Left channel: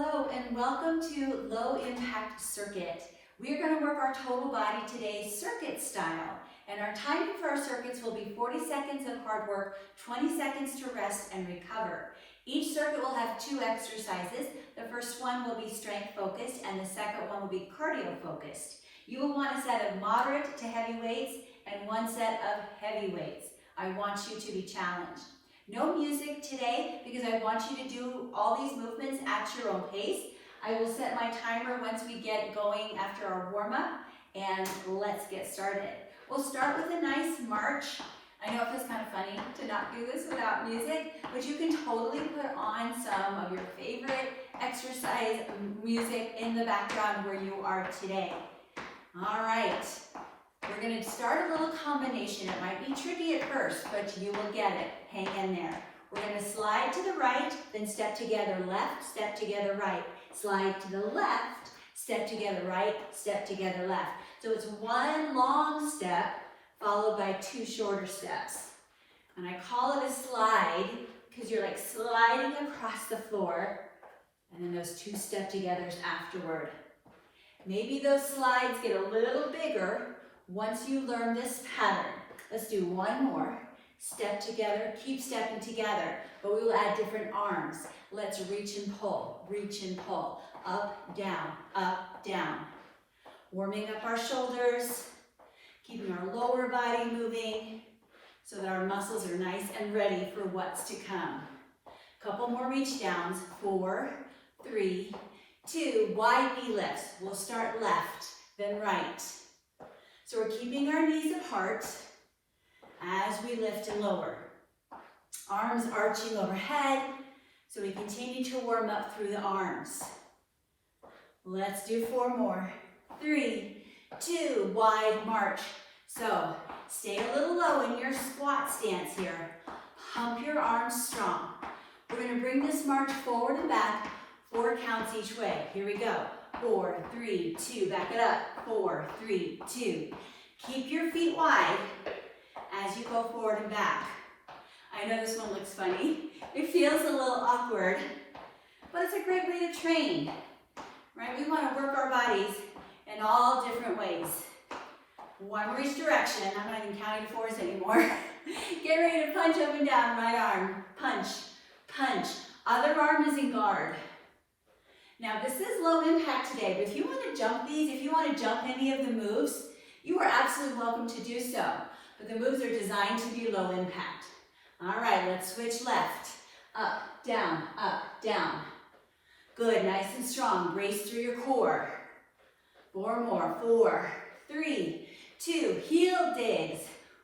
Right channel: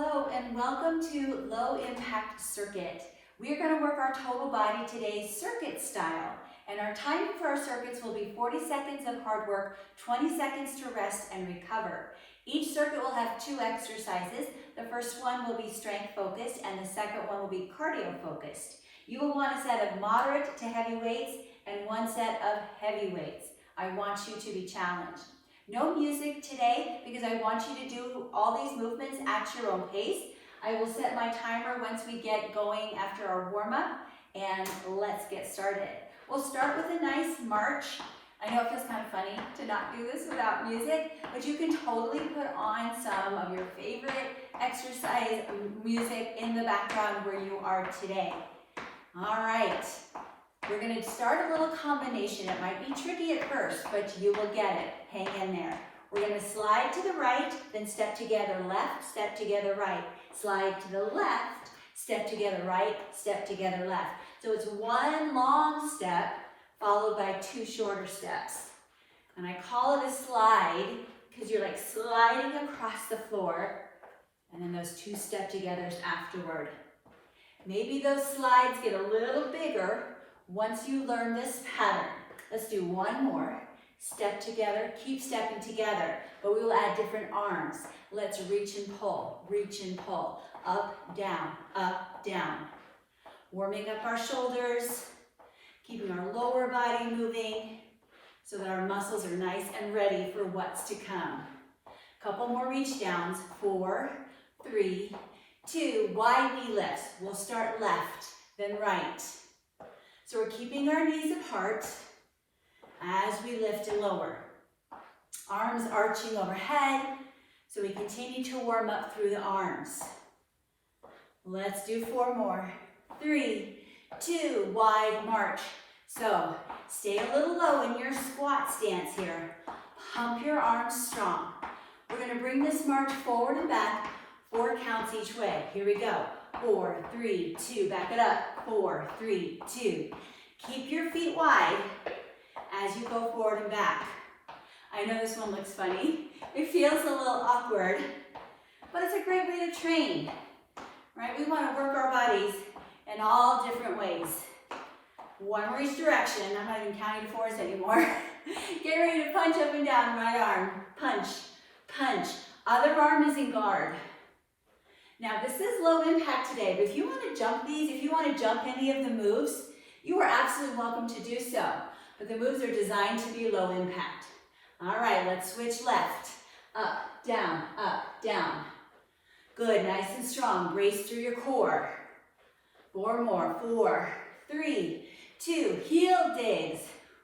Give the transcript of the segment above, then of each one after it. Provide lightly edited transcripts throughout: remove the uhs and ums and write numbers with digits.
Hello and welcome to Low Impact Circuit. We are going to work our total body today circuit style, and our timing for our circuits will be 40 seconds of hard work, 20 seconds to rest and recover. Each circuit will have 2 exercises. The first one will be strength focused and the second one will be cardio focused. You will want a set of moderate to heavy weights and one set of heavy weights. I want you to be challenged. No music today because I want you to do all these movements at your own pace. I will set my timer once we get going after our warm-up, and let's get started. We'll start with a nice march. I know it feels kind of funny to not do this without music, but you can totally put on some of your favorite exercise music in the background where you are today. All right. We're going to start a little combination. It might be tricky at first, but you will get it. Hang in there. We're going to slide to the right, then step together left, step together right. Slide to the left, step together right, step together left. So it's one long step followed by 2 shorter steps. And I call it a slide because you're like sliding across the floor, and then those 2 step togethers afterward. Maybe those slides get a little bigger once you learn this pattern. Let's do one more. Step together, keep stepping together, but we will add different arms. Let's reach and pull, up, down. Warming up our shoulders, keeping our lower body moving so that our muscles are nice and ready for what's to come. Couple more reach downs, 4, 3, 2, wide knee lifts. We'll start left, then right. So we're keeping our knees apart as we lift and lower. Arms arching overhead, so we continue to warm up through the arms. Let's do 4 more. 3, 2, wide march. So stay a little low in your squat stance here. Pump your arms strong. We're going to bring this march forward and back, 4 counts each way. Here we go. 4, 3, 2, back it up. 4, 3, 2. Keep your feet wide as you go forward and back. I know this one looks funny. It feels a little awkward, but it's a great way to train, right? We want to work our bodies in all different ways. One more each direction. I'm not even counting 4s anymore. Get ready to punch up and down, right arm. Punch, punch. Other arm is in guard. Now this is low impact today, but if you want to jump these, if you want to jump any of the moves, you are absolutely welcome to do so. But the moves are designed to be low impact. All right, let's switch left. Up, down, up, down. Good, nice and strong. Brace through your core. 4 more. 4, 3, 2. Heel digs.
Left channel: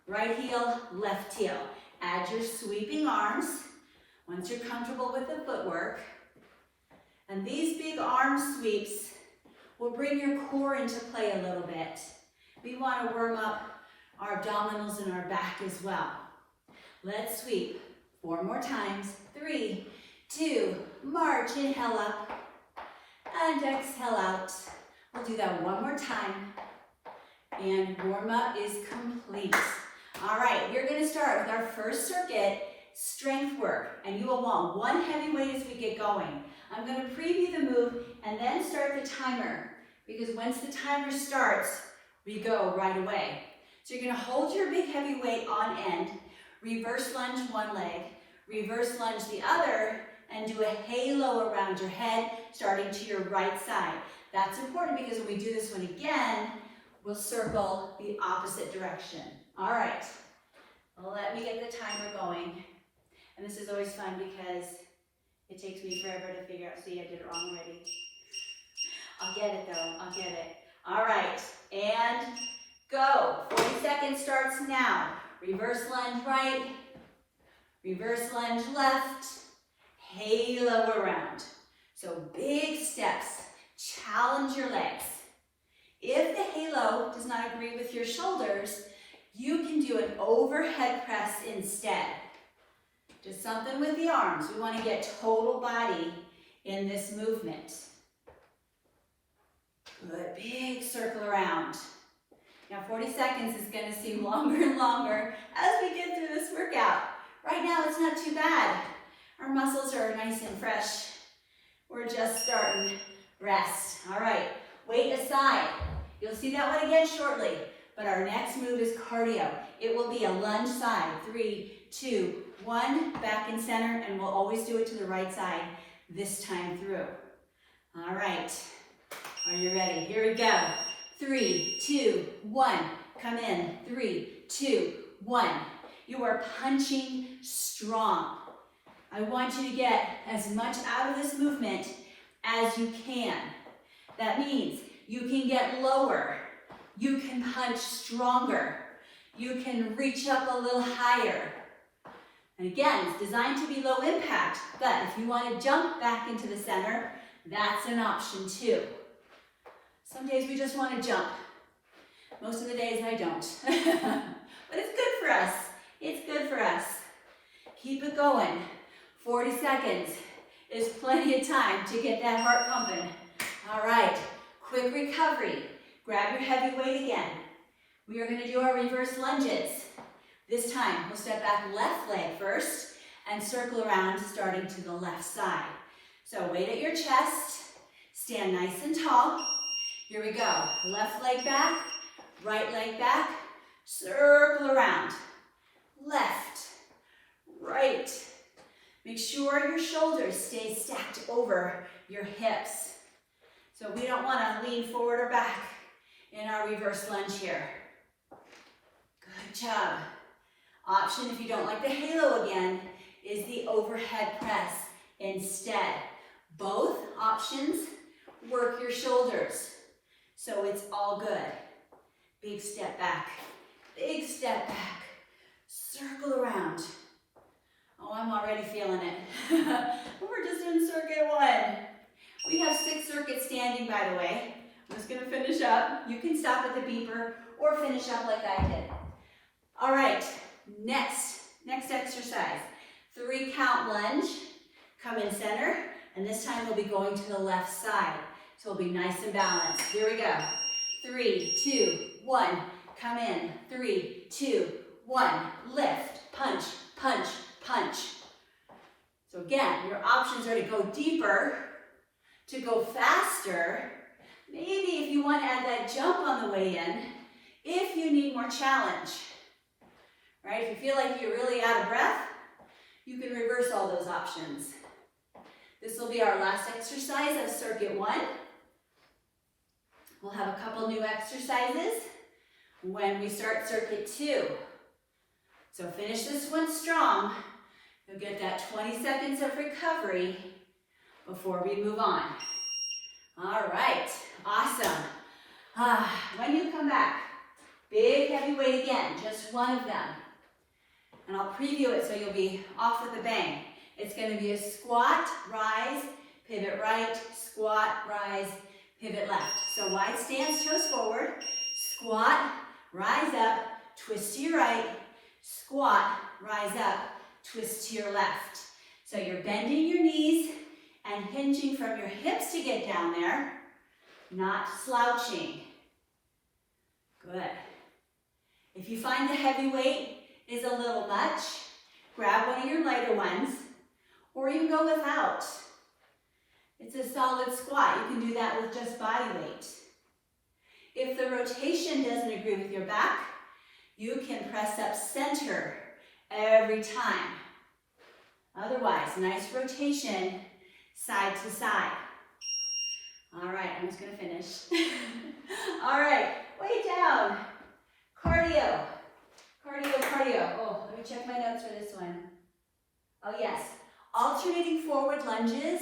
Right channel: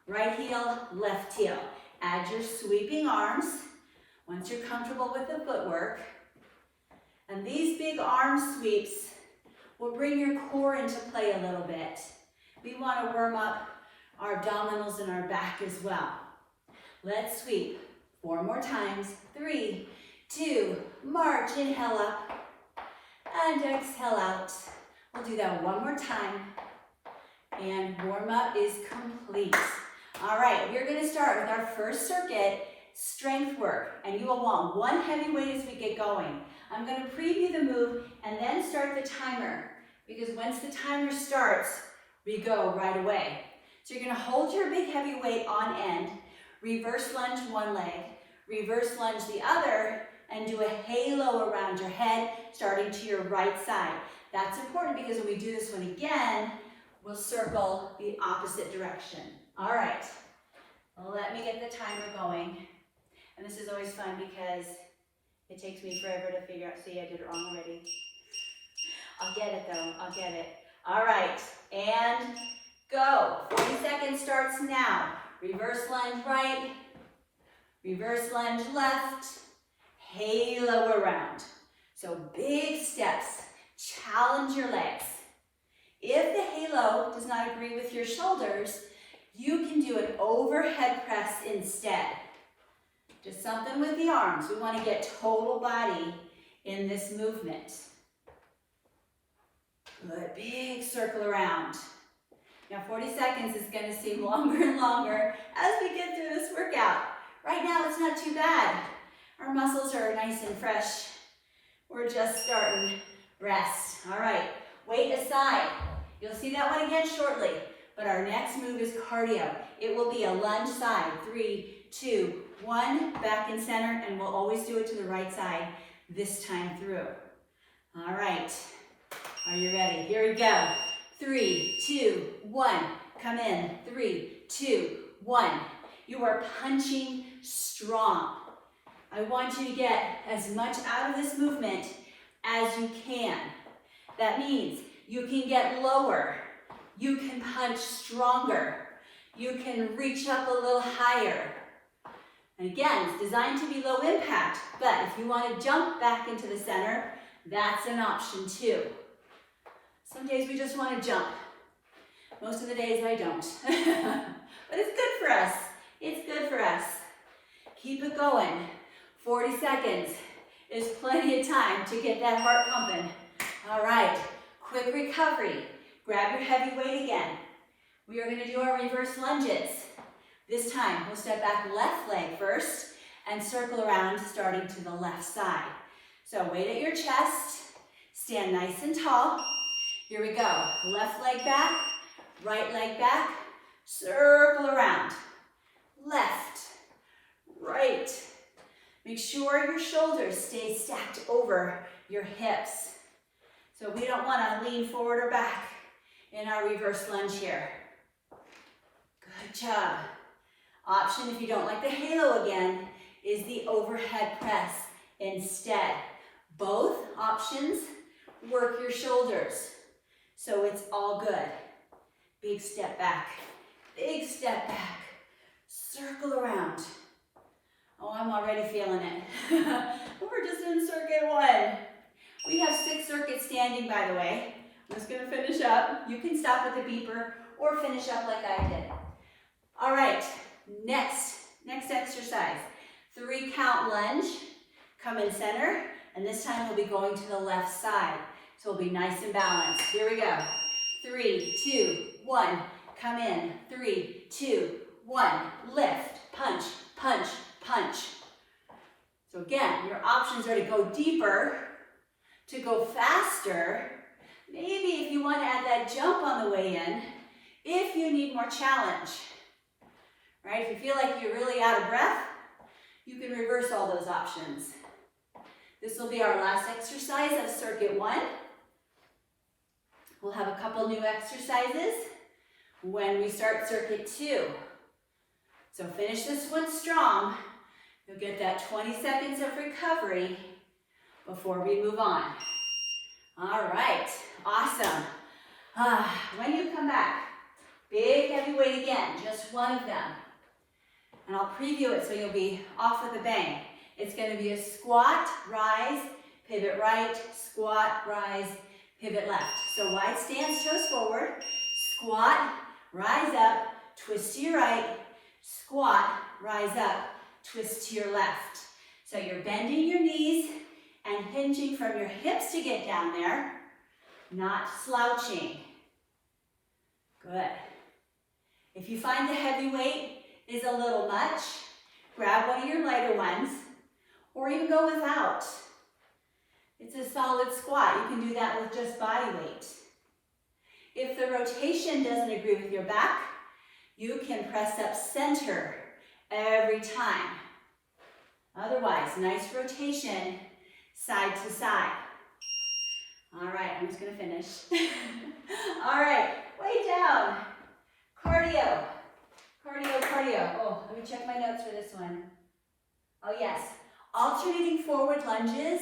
Right heel, left heel. Add your sweeping arms once you're comfortable with the footwork. And these big arm sweeps will bring your core into play a little bit. We want to warm up our abdominals and our back as well. Let's sweep. 4 more times. 3, 2, march. Inhale up and exhale out. We'll do that one more time. And warm up is complete. All right, we're going to start with our first circuit, strength work. And you will want 1 heavy weight as we get going. I'm going to preview the move and then start the timer, because once the timer starts, we go right away. So you're going to hold your big heavy weight on end, reverse lunge one leg, reverse lunge the other, and do a halo around your head, starting to your right side. That's important because when we do this one again, we'll circle the opposite direction. All right, let me get the timer going. And this is always fun because it takes me forever to figure out. See, I did it wrong already. I'll get it though, I'll get it. All right, and go. 40 seconds starts now. Reverse lunge right, reverse lunge left, halo around. So big steps, challenge your legs. If the halo does not agree with your shoulders, you can do an overhead press instead. Just something with the arms. We want to get total body in this movement. Good, big circle around. Now 40 seconds is going to seem longer and longer as we get through this workout. Right now it's not too bad. Our muscles are nice and fresh. We're just starting. Rest. All right, weight aside. You'll see that one again shortly, but our next move is cardio. It will be a lunge side. 3, 2, 1, back in center, and we'll always do it to the right side this time through. All right, are you ready? Here we go. 3, 2, 1, come in. 3, 2, 1. You are punching strong. I want you to get as much out of this movement as you can. That means you can get lower, you can punch stronger, you can reach up a little higher. And again, it's designed to be low impact, but if you want to jump back into the center, that's an option too. Some days we just want to jump. Most of the days I don't. But it's good for us. It's good for us. Keep it going. 40 seconds is plenty of time to get that heart pumping. All right, quick recovery. Grab your heavy weight again. We are going to do our reverse lunges. This time, we'll step back left leg first and circle around starting to the left side. So weight at your chest, stand nice and tall. Here we go. Left leg back, right leg back, circle around. Left, right. Make sure your shoulders stay stacked over your hips. So we don't want to lean forward or back in our reverse lunge here. Good job. Option, if you don't like the halo again, is the overhead press instead. Both options work your shoulders, so it's all good. Big step back, circle around. Oh, I'm already feeling it. We're just in circuit 1. We have 6 circuits standing, by the way. I'm just gonna finish up. You can stop at the beeper or finish up like I did. All right, next exercise. 3 count lunge, come in center, and this time we'll be going to the left side. So we'll be nice and balanced. Here we go. 3, 2, 1, come in. 3, 2, 1, lift, punch, punch, punch. So again, your options are to go deeper, to go faster. Maybe if you want to add that jump on the way in, if you need more challenge. Right? If you feel like you're really out of breath, you can reverse all those options. This will be our last exercise of circuit 1. We'll have a couple new exercises when we start circuit 2. So finish this one strong. You'll get that 20 seconds of recovery before we move on. All right, awesome. When you come back, big heavy weight again, just one of them. And I'll preview it so you'll be off with a bang. It's going to be a squat, rise, pivot right, squat, rise, pivot left. So wide stance, toes forward, squat, rise up, twist to your right, squat, rise up, twist to your left. So you're bending your knees and hinging from your hips to get down there, not slouching. Good. If you find the heavy weight is a little much, grab one of your lighter ones, or you can go without. It's a solid squat. You can do that with just body weight. If the rotation doesn't agree with your back, you can press up center every time. Otherwise, nice rotation side to side. All right, I'm just gonna finish. All right, way down. Cardio. Oh, let me check my notes for this one. Oh yes, alternating forward lunges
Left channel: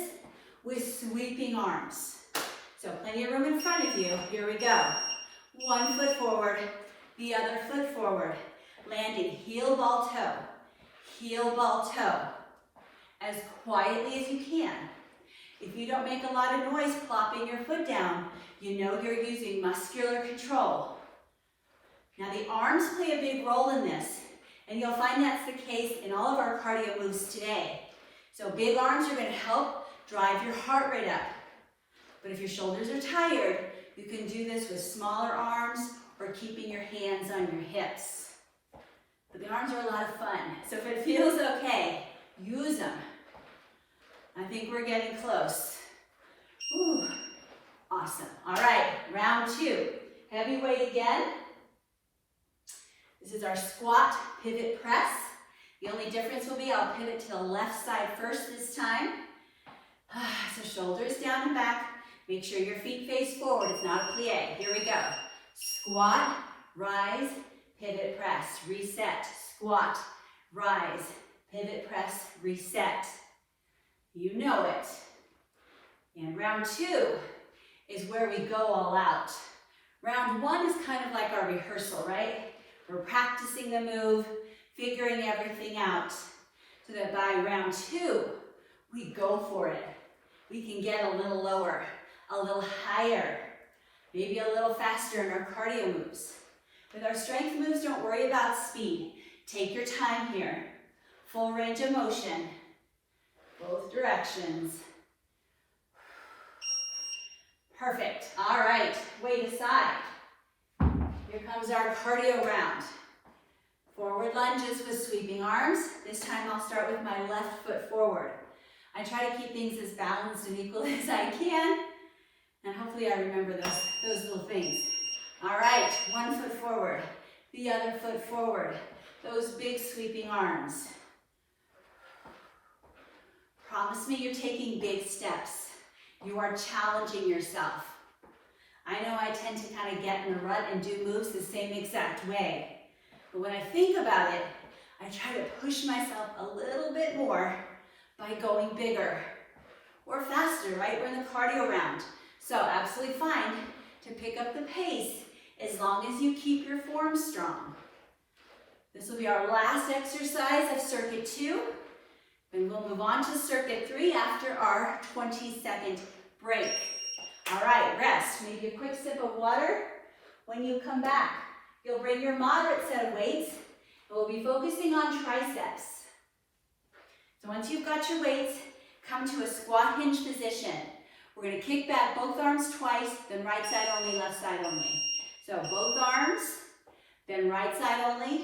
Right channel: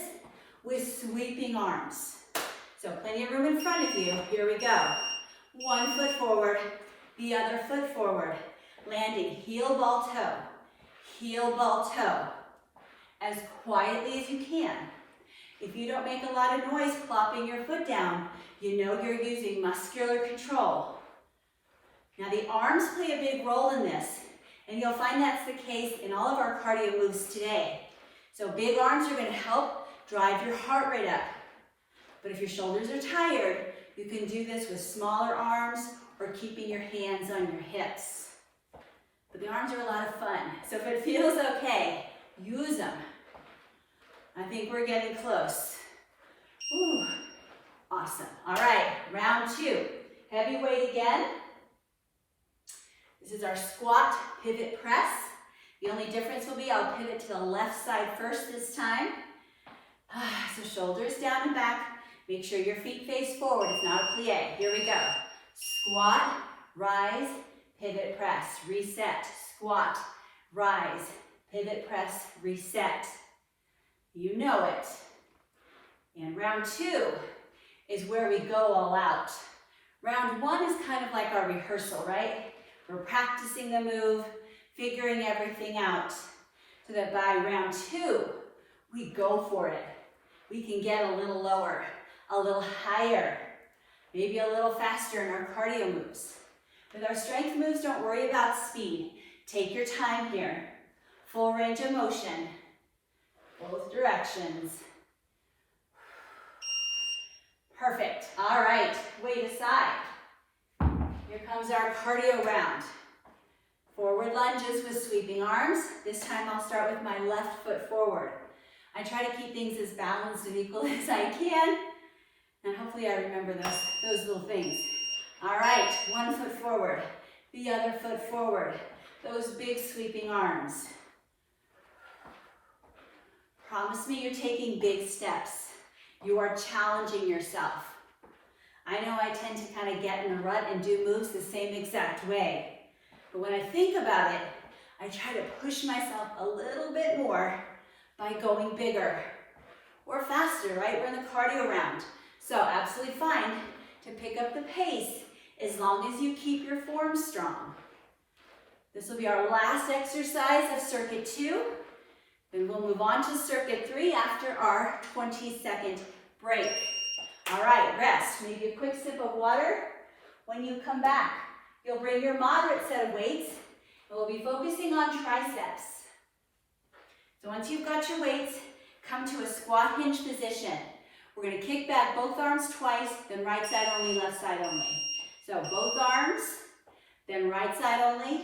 with sweeping arms. So plenty of room in front of you. Here we go. One foot forward, the other foot forward. Landing heel ball toe, as quietly as you can. If you don't make a lot of noise plopping your foot down, you know you're using muscular control. Now the arms play a big role in this, and you'll find that's the case in all of our cardio moves today. So big arms are going to help drive your heart rate up. But if your shoulders are tired, you can do this with smaller arms or keeping your hands on your hips. But the arms are a lot of fun, so if it feels okay, use them. I think we're getting close. Whew. Awesome. All right, round 2. Heavy weight again. This is our squat pivot press. The only difference will be I'll pivot to the left side first this time. So shoulders down and back. Make sure your feet face forward. It's not a plie. Here we go. Squat, rise, pivot press, reset. Squat, rise, pivot press, reset. You know it. And round 2 is where we go all out. Round 1 is kind of like our rehearsal, right? We're practicing the move, figuring everything out, so that by round 2, we go for it. We can get a little lower, a little higher, maybe a little faster in our cardio moves. With our strength moves, don't worry about speed. Take your time here. Full range of motion, both directions. Perfect. All right, weight aside. Here comes our cardio round. Forward lunges with sweeping arms. This time I'll start with my left foot forward. I try to keep things as balanced and equal as I can, and hopefully I remember those little things. All right, one foot forward, the other foot forward. Those big sweeping arms. Promise me you're taking big steps. You are challenging yourself. I know I tend to kind of get in a rut and do moves the same exact way. But when I think about it, I try to push myself a little bit more by going bigger or faster, right? We're in the cardio round. So absolutely fine to pick up the pace as long as you keep your form strong. This will be our last exercise of circuit 2. Then we'll move on to circuit 3 after our 20-second break. All right, rest. Maybe a quick sip of water. When you come back, you'll bring your moderate set of weights, and we'll be focusing on triceps. So once you've got your weights, come to a squat hinge position. We're going to kick back both arms twice, then right side only, left side only. So both arms, then right side only,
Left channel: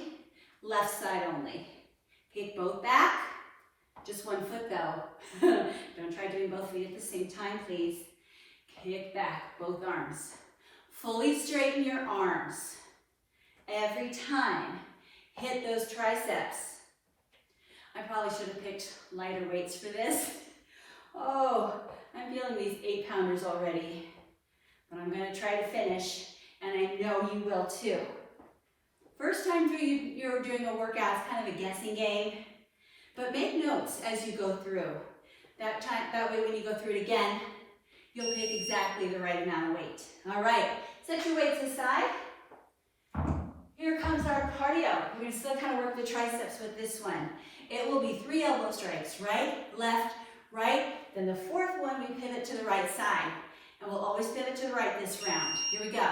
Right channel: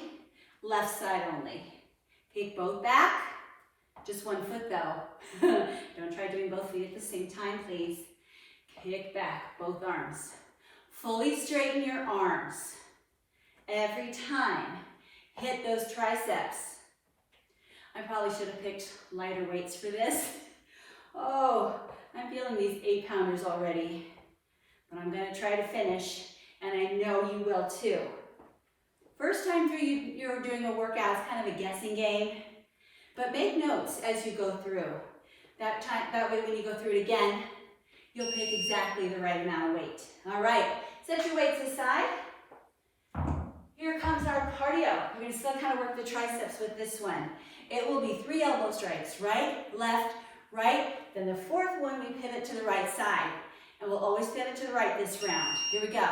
left side only. Kick both back. Just one foot though. Don't try doing both feet at the same time, please. Kick back, both arms. Fully straighten your arms. Every time, hit those triceps. I probably should have picked lighter weights for this. Oh, I'm feeling these 8-pounders already. But I'm gonna try to finish, and I know you will too. First time through, you're doing a workout, it's kind of a guessing game. But make notes as you go through. That way when you go through it again, you'll pick exactly the right amount of weight. All right, set your weights aside. Here comes our cardio. We're going to still kind of work the triceps with this one. It will be 3 elbow strikes, right, left, right. Then the 4th one, we pivot to the right side. And we'll always pivot to the right this round. Here we go.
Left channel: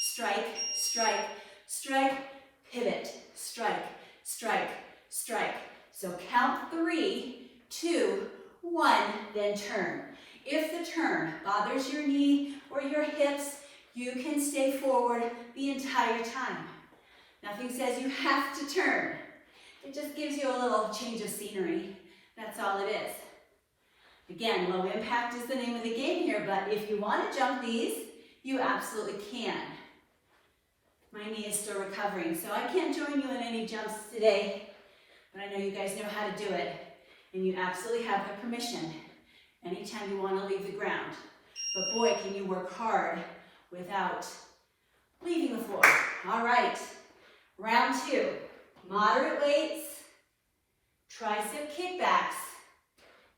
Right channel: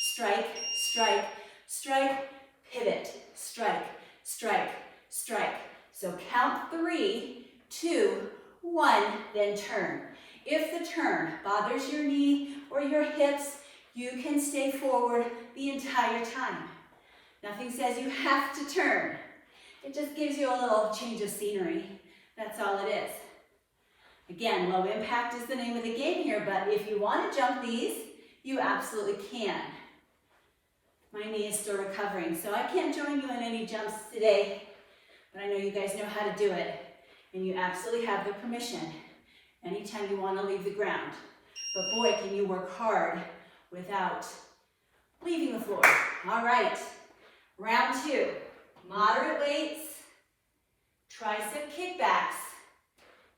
Strike, strike, strike, pivot, strike, strike, strike. So count 3, 2, 1, then turn. If the turn bothers your knee or your hips, you can stay forward the entire time. Nothing says you have to turn. It just gives you a little change of scenery. That's all it is. Again, low impact is the name of the game here, but if you want to jump these, you absolutely can. My knee is still recovering, so I can't join you in any jumps today, but I know you guys know how to do it, and you absolutely have the permission anytime you want to leave the ground. But boy, can you work hard without leaving the floor. All right, round 2, moderate weights, tricep kickbacks.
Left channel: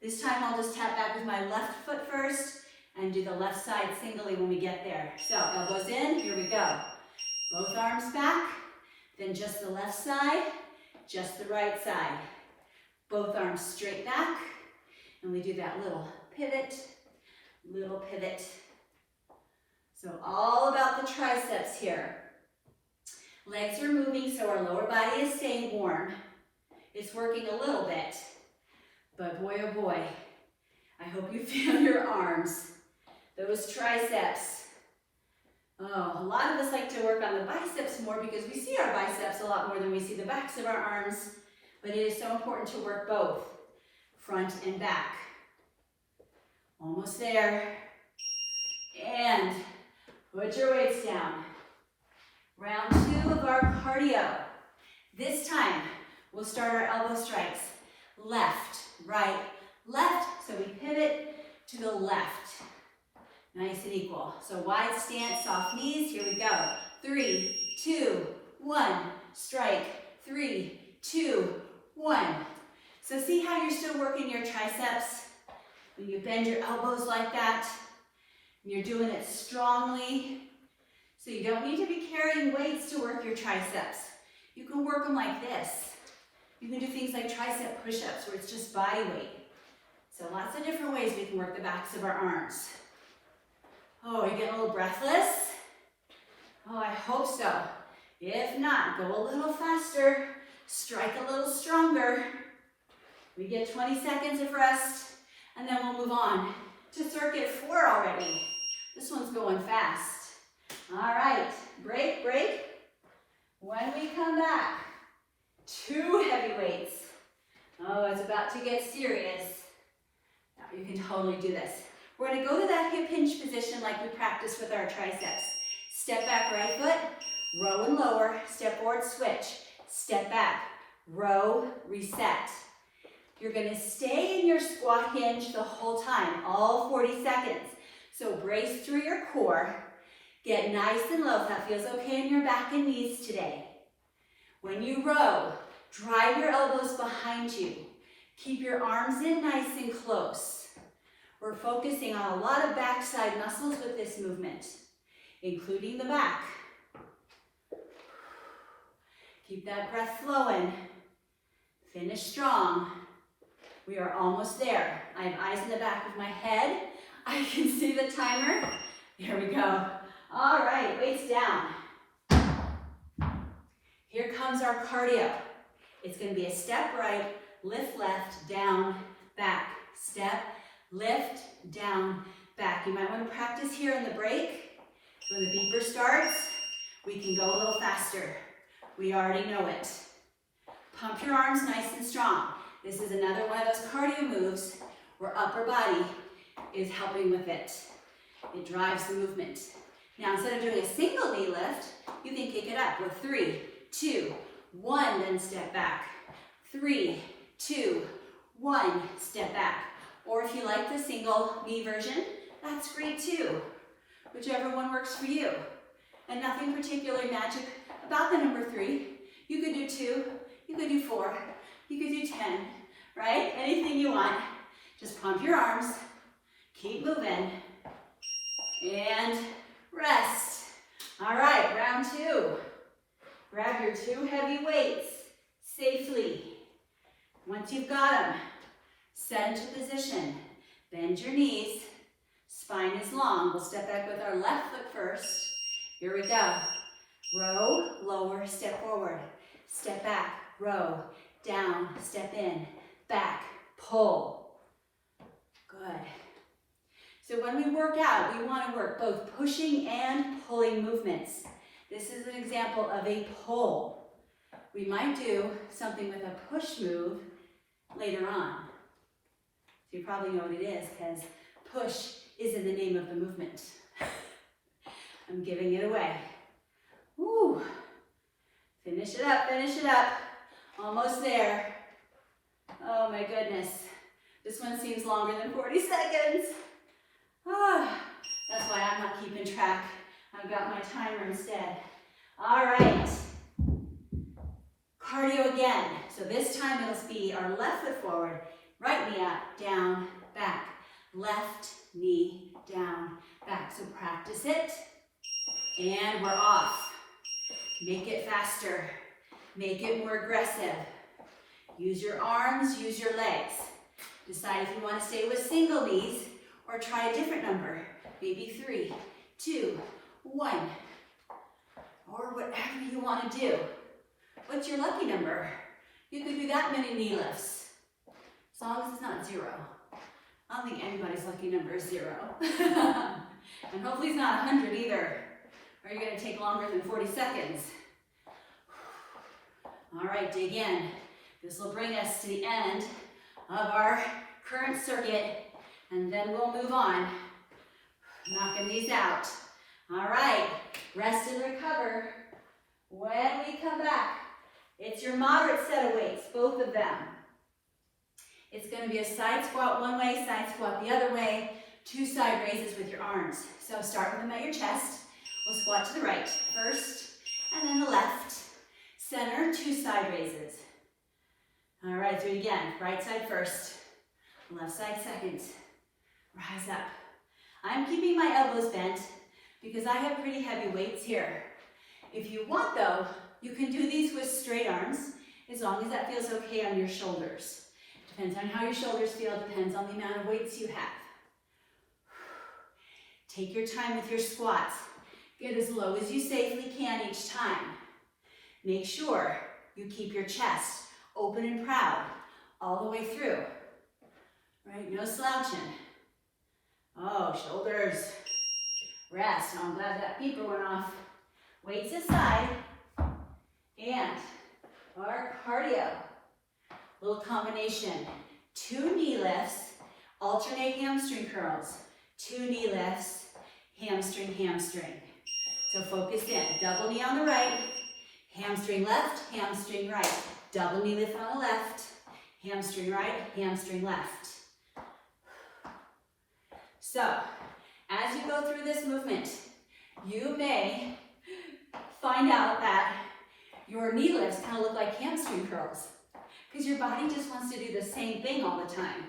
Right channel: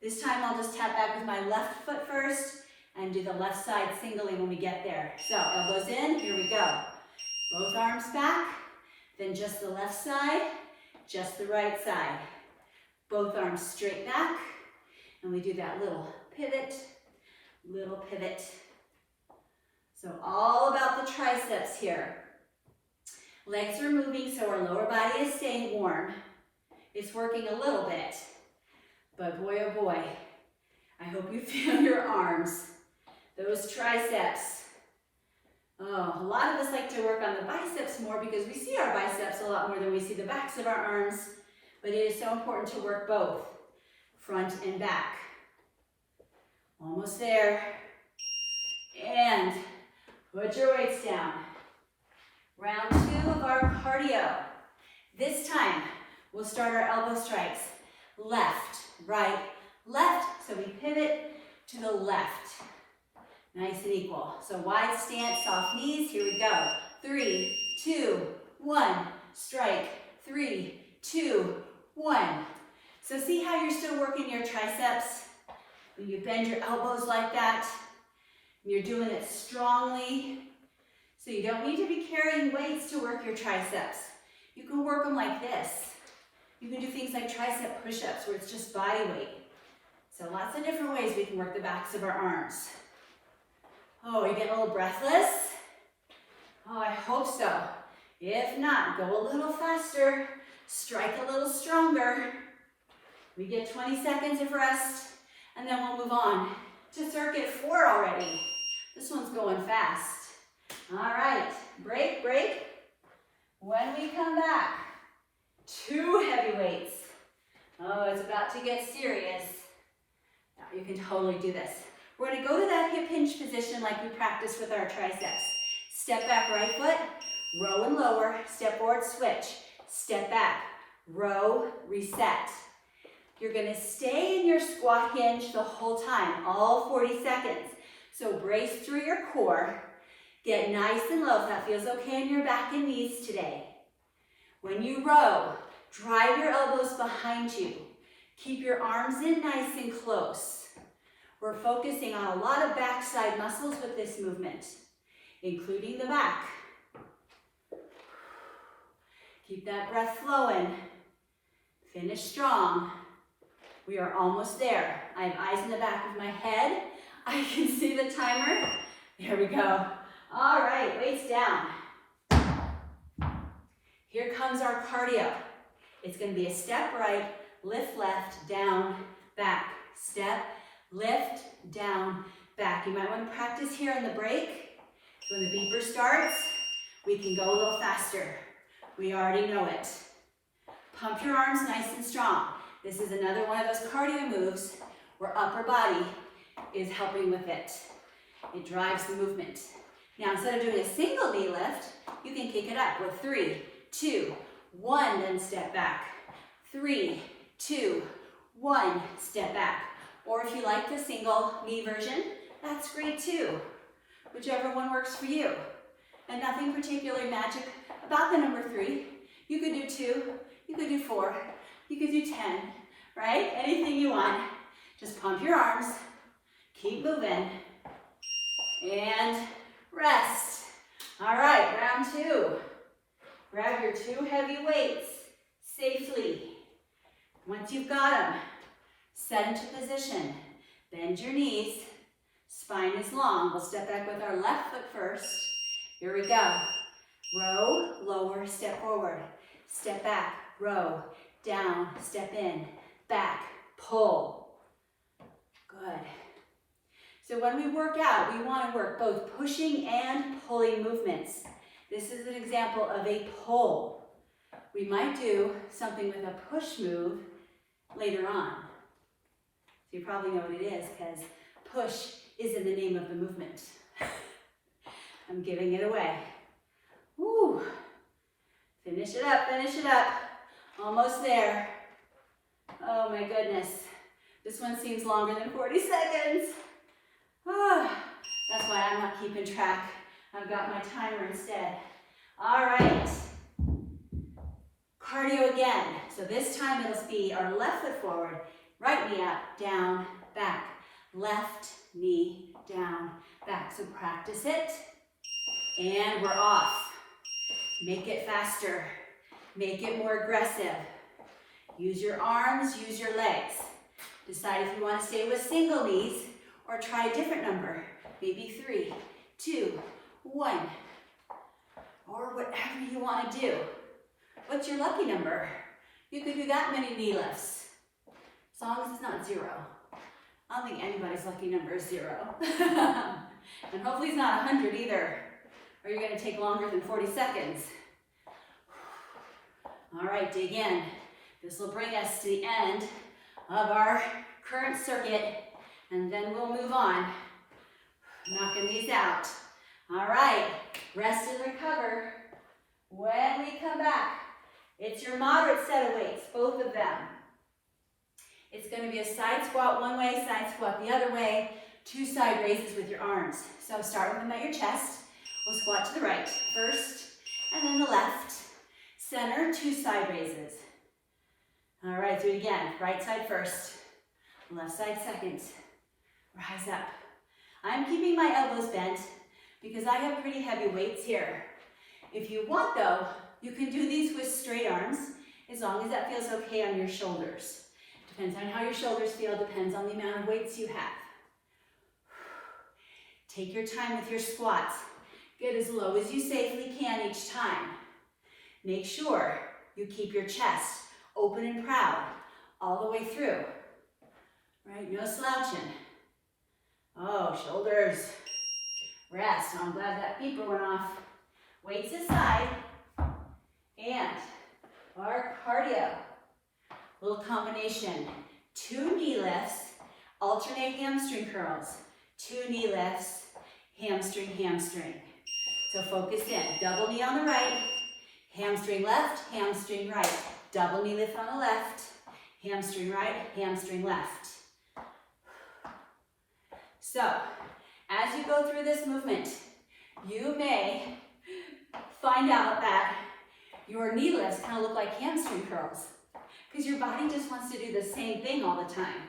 This time I'll just tap back with my left foot first and do the left side singly when we get there. So elbows in, here we go. Both arms back, then just the left side, just the right side. Both arms straight back, and we do that little pivot. So all about the triceps here. Legs are moving, so our lower body is staying warm. It's working a little bit, but boy, oh boy, I hope you feel your arms, those triceps. Oh, a lot of us like to work on the biceps more because we see our biceps a lot more than we see the backs of our arms, but it is so important to work both, front and back. Almost there. And put your weights down. Round 2 of our cardio. This time, we'll start our elbow strikes. Left, right, left. So we pivot to the left. Nice and equal. So wide stance, soft knees. Here we go. 3, 2, 1. Strike. 3, 2, 1. So see how you're still working your triceps? When you bend your elbows like that, you're doing it strongly. So you don't need to be carrying weights to work your triceps. You can work them like this. You can do things like tricep push-ups where it's just body weight. So lots of different ways we can work the backs of our arms. Oh, are you getting a little breathless? Oh, I hope so. If not, go a little faster. Strike a little stronger. We get 20 seconds of rest, and then we'll move on to circuit 4 already. This one's going fast. All right, break, break. When we come back, 2 heavy weights. Oh, it's about to get serious. Now you can totally do this. We're gonna go to that hip hinge position like we practiced with our triceps. Step back, right foot, row and lower, step forward, switch. Step back, row, reset. You're gonna stay in your squat hinge the whole time, all 40 seconds. So brace through your core. Get nice and low if that feels okay in your back and knees today. When you row, drive your elbows behind you. Keep your arms in nice and close. We're focusing on a lot of backside muscles with this movement, including the back. Keep that breath flowing. Finish strong. We are almost there. I have eyes in the back of my head. I can see the timer. There we go. All right, weights down. Here comes our cardio. It's going to be a step right, lift left, down, back. Step, lift, down, back. You might want to practice here in the break. So when the beeper starts, we can go a little faster. We already know it. Pump your arms nice and strong. This is another one of those cardio moves where upper body is helping with it. It drives the movement. Now, instead of doing a single knee lift, you can kick it up with 3, 2, 1, then step back. 3, 2, 1, step back. Or if you like the single knee version, that's great too. Whichever one works for you. And nothing particularly magic about the number 3. You could do 2, you could do 4, you could do 10, right? Anything you want. Just pump your arms, keep moving, and rest. All right, round 2. Grab your 2 heavy weights safely. Once you've got them, set into position. Bend your knees. Spine is long. We'll step back with our left foot first. Here we go. Row, lower, step forward. Step back, row, down, step in, back, pull. Good. So when we work out, we want to work both pushing and pulling movements. This is an example of a pull. We might do something with a push move later on. So you probably know what it is because push is in the name of the movement. I'm giving it away. Woo. Finish it up, finish it up. Almost there. Oh my goodness. This one seems longer than 40 seconds. Ah, that's why I'm not keeping track. I've got my timer instead. All right. Cardio again. So this time it'll be our left foot forward, right knee up, down, back. Left knee, down, back. So practice it. And we're off. Make it faster. Make it more aggressive. Use your arms, use your legs. Decide if you want to stay with single knees or try a different number. Maybe 3, 2, 1. Or whatever you want to do. What's your lucky number? You could do that many knee lifts. As long as it's not 0. I don't think anybody's lucky number is 0. And hopefully it's not 100 either. Or you're going to take longer than 40 seconds. All right, dig in. This will bring us to the end of our current circuit, and then we'll move on Knocking these out. All right, rest and recover. When we come back, it's your moderate set of weights, both of them. It's going to be a side squat one way, side squat the other way, 2 side raises with your arms. So start with them at your chest. We'll squat to the right first, and then the left. Center, 2 side raises. All right, do it again. Right side first, left side second. Rise up. I'm keeping my elbows bent because I have pretty heavy weights here. If you want though, you can do these with straight arms as long as that feels okay on your shoulders. Depends on how your shoulders feel, depends on the amount of weights you have. Take your time with your squats. Get as low as you safely can each time. Make sure you keep your chest open and proud all the way through. Right, no slouching. Oh, shoulders. Rest. I'm glad that beeper went off. Weights aside. And our cardio. Little combination. 2 knee lifts. Alternate hamstring curls. 2 knee lifts. Hamstring, hamstring. So focus in. Double knee on the right. Hamstring left, hamstring right. Double knee lift on the left. Hamstring right, hamstring left. So, as you go through this movement, you may find out that your knee lifts kind of look like hamstring curls because your body just wants to do the same thing all the time,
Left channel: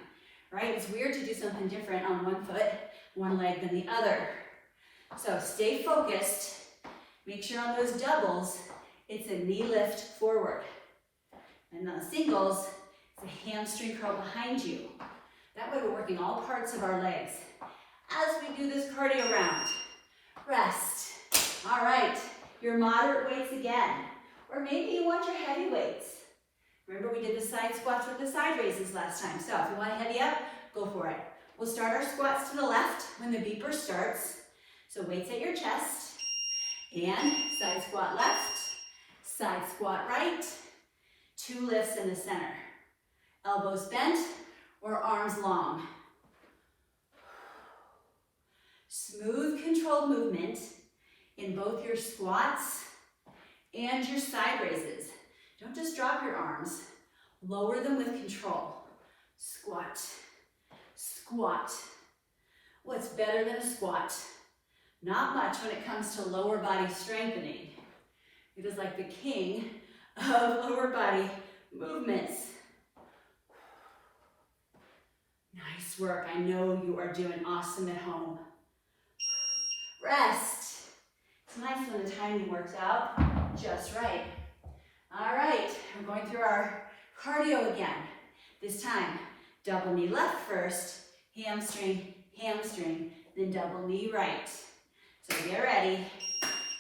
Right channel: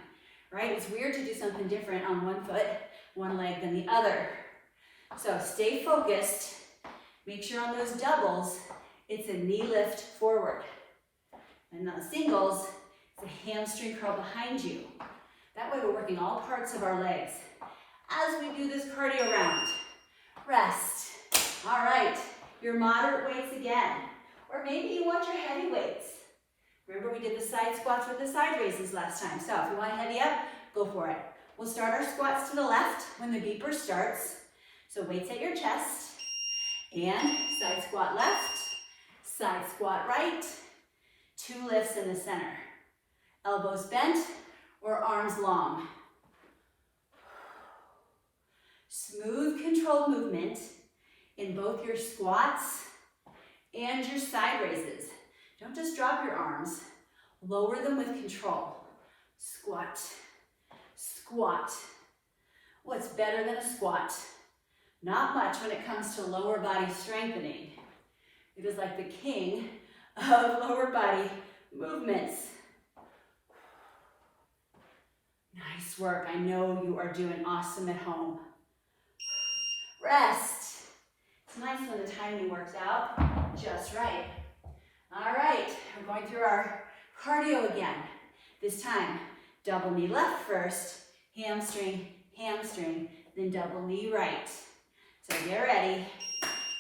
right? It's weird to do something different on one foot, one leg than the other. So stay focused. Make sure on those doubles, it's a knee lift forward. And on singles, it's a hamstring curl behind you. That way we're working all parts of our legs. As we do this cardio round, rest. All right, your moderate weights again. Or maybe you want your heavy weights. Remember we did the side squats with the side raises last time. So if you want to heavy up, go for it. We'll start our squats to the left when the beeper starts. So weights at your chest. And side squat left, side squat right. 2 lifts in the center. Elbows bent or arms long. Smooth, controlled movement in both your squats and your side raises. Don't just drop your arms. Lower them with control. Squat, squat. What's better than a squat? Not much when it comes to lower body strengthening. It is like the king of lower body movements. Nice work. I know you are doing awesome at home. Rest. It's nice when the timing works out just right. All right, we're going through our cardio again. This time, double knee left first, hamstring, hamstring, then double knee right. So get ready.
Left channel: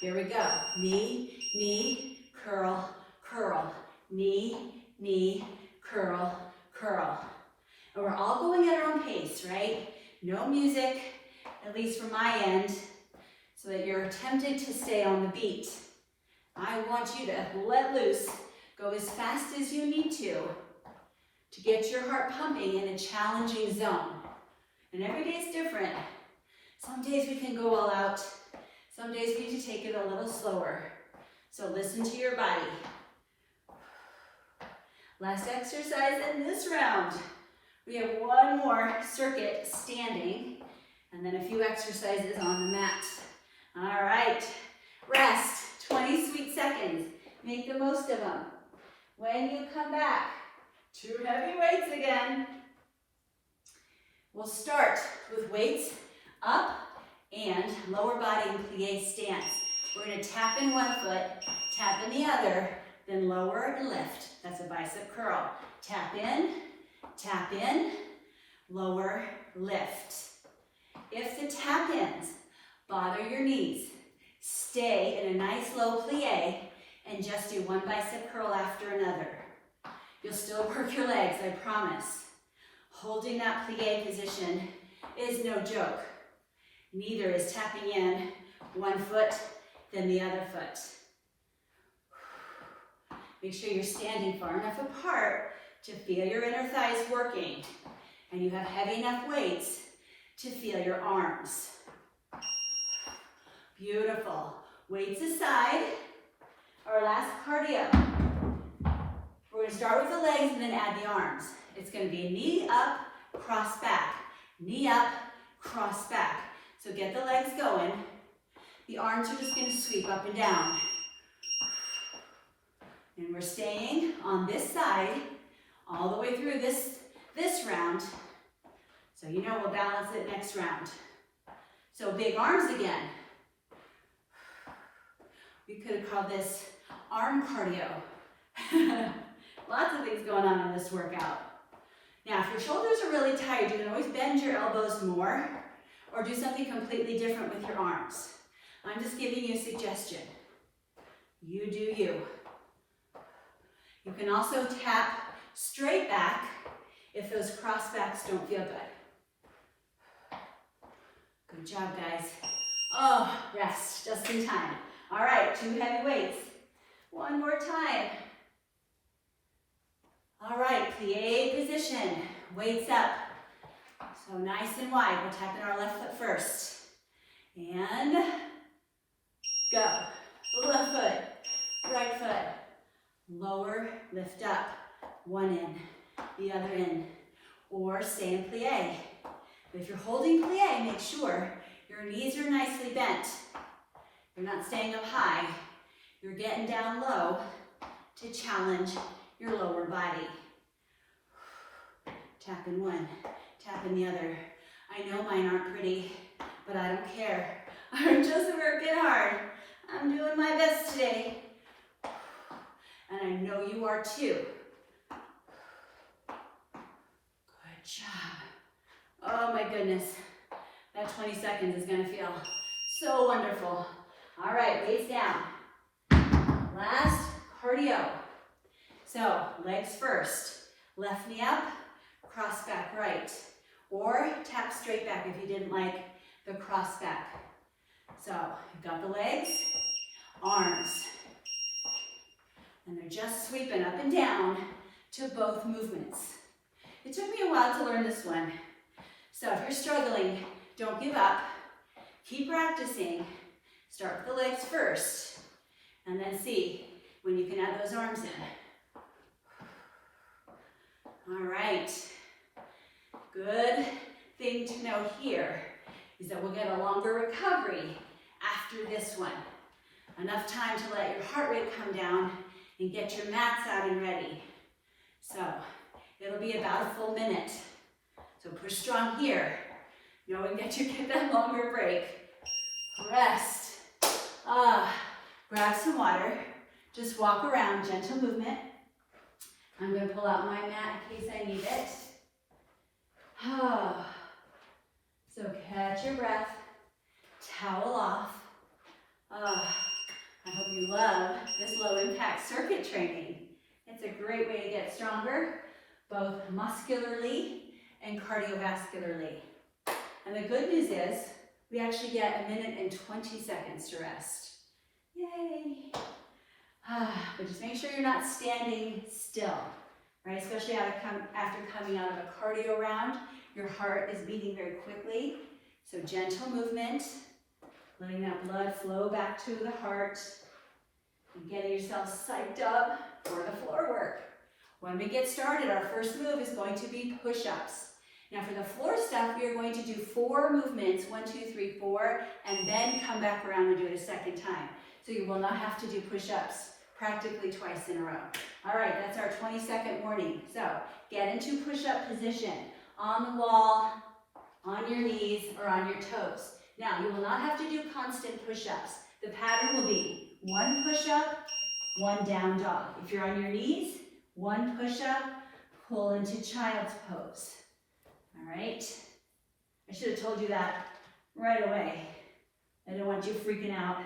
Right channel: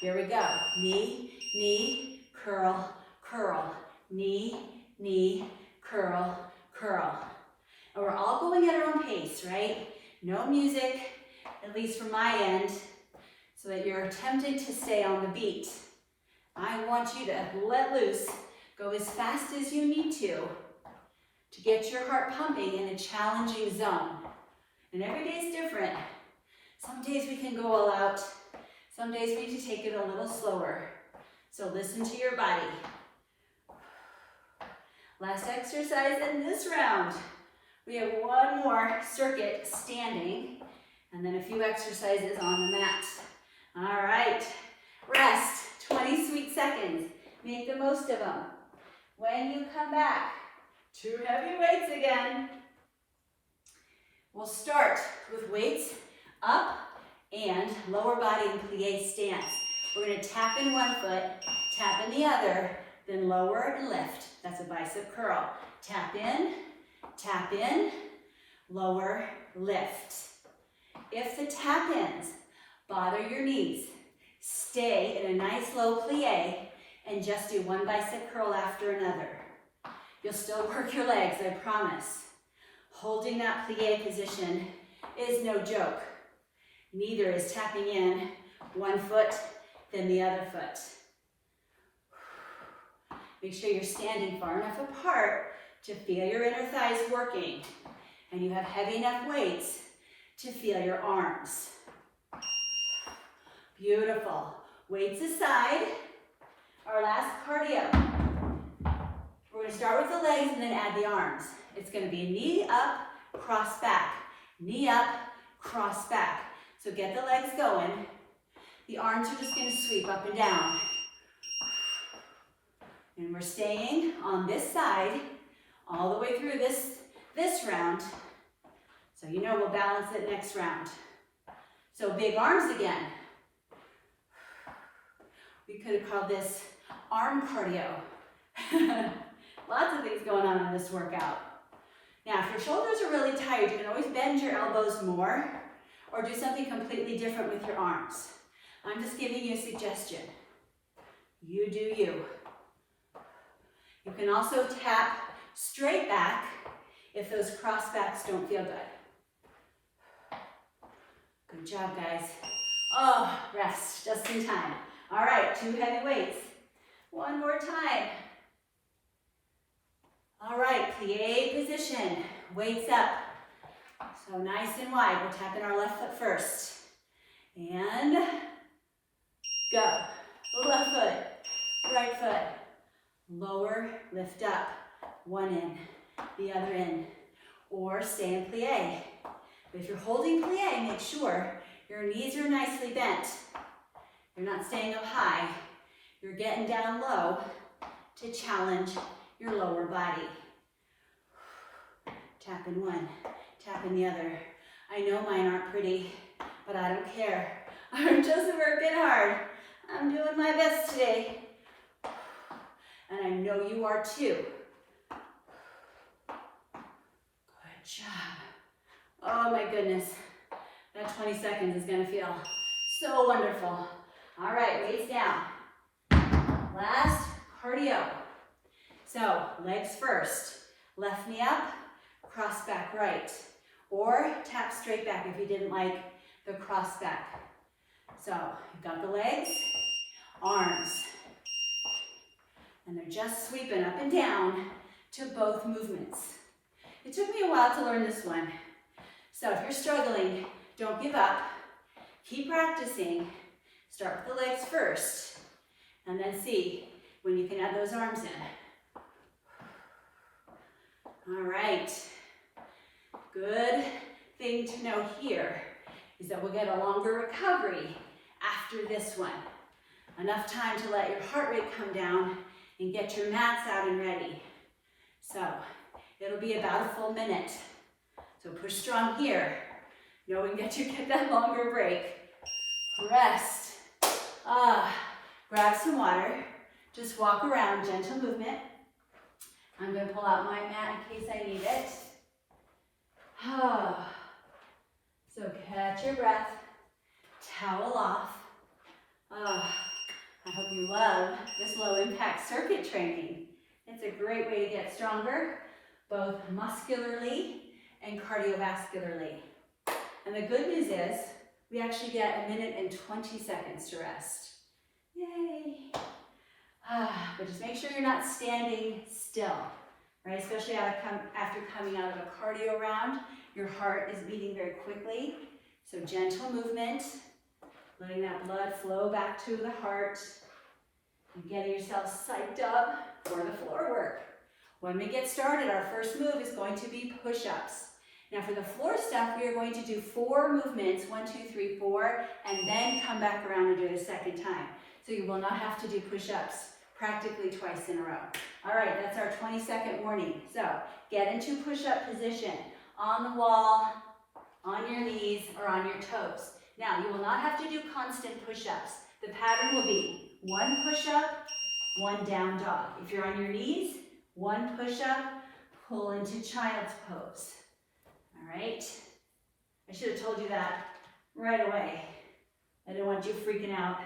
Here we go. Knee, knee, curl, curl. Knee, knee, curl, curl. And we're all going at our own pace, right? No music, at least from my end, so that you're tempted to stay on the beat. I want you to let loose, go as fast as you need to get your heart pumping in a challenging zone. And every day is different. Some days we can go all out. Some days we need to take it a little slower. So listen to your body. Last exercise in this round. We have one more circuit standing, and then a few exercises on the mat. All right, rest, 20 sweet seconds. Make the most of them. When you come back, 2 heavy weights again. We'll start with weights up and lower body in plie stance. We're going to tap in one foot, tap in the other, then lower and lift. That's a bicep curl. Tap in, lower, lift. If the tap-ins bother your knees, stay in a nice low plie and just do one bicep curl after another. You'll still work your legs, I promise. Holding that plie position is no joke. Neither is tapping in one foot, then the other foot. Make sure you're standing far enough apart to feel your inner thighs working, and you have heavy enough weights to feel your arms. Beautiful. Weights aside. Our last cardio. We're going to start with the legs and then add the arms. It's going to be knee up, cross back. Knee up, cross back. So get the legs going. The arms are just going to sweep up and down. And we're staying on this side all the way through this round. So you know we'll balance it next round. So big arms again. We could have called this arm cardio. Lots of things going on in this workout. Now, if your shoulders are really tired, you can always bend your elbows more or do something completely different with your arms. I'm just giving you a suggestion. You do you. You can also tap straight back if those cross backs don't feel good. Good job, guys. Oh, rest, just in time. All right, 2 heavy weights. One more time. All right, plie position, weights up. So nice and wide. We're tapping our left foot first. And go. Left foot, right foot. Lower, lift up. One in, the other in. Or stay in plie. But if you're holding plie, make sure your knees are nicely bent. You're not staying up high. You're getting down low to challenge your lower body. Tap in one, tap in the other. I know mine aren't pretty, but I don't care. I'm just working hard. I'm doing my best today. And I know you are too. Good job. Oh my goodness. That 20 seconds is gonna feel so wonderful. All right, weights down. Last cardio. So, legs first. Left knee up, cross back right. Or tap straight back if you didn't like the cross back. So, you've got the legs, arms. And they're just sweeping up and down to both movements. It took me a while to learn this one. So if you're struggling, don't give up. Keep practicing. Start with the legs first, and then see when you can add those arms in. All right. Good thing to know here is that we'll get a longer recovery after this one. Enough time to let your heart rate come down and get your mats out and ready. So it'll be about a full minute. So push strong here, knowing that you get that longer break. Rest. Grab some water. Just walk around, gentle movement. I'm going to pull out my mat in case I need it. So catch your breath. Towel off. I hope you love this low impact circuit training. It's a great way to get stronger, both muscularly and cardiovascularly. And the good news is, we actually get 1 minute and 20 seconds to rest. Yay! But just make sure you're not standing still, right? Especially after coming out of a cardio round, your heart is beating very quickly. So gentle movement, letting that blood flow back to the heart, and getting yourself psyched up for the floor work. When we get started, our first move is going to be push-ups. Now for the floor stuff, we are going to do 4 movements, 1, 2, 3, 4, and then come back around and do it a second time. So you will not have to do push-ups practically twice in a row. All right, that's our 20-second warning. So get into push-up position on the wall, on your knees, or on your toes. Now, you will not have to do constant push-ups. The pattern will be 1 push-up, 1 down dog. If you're on your knees, 1 push-up, pull into child's pose. All right? I should have told you that right away. I don't want you freaking out.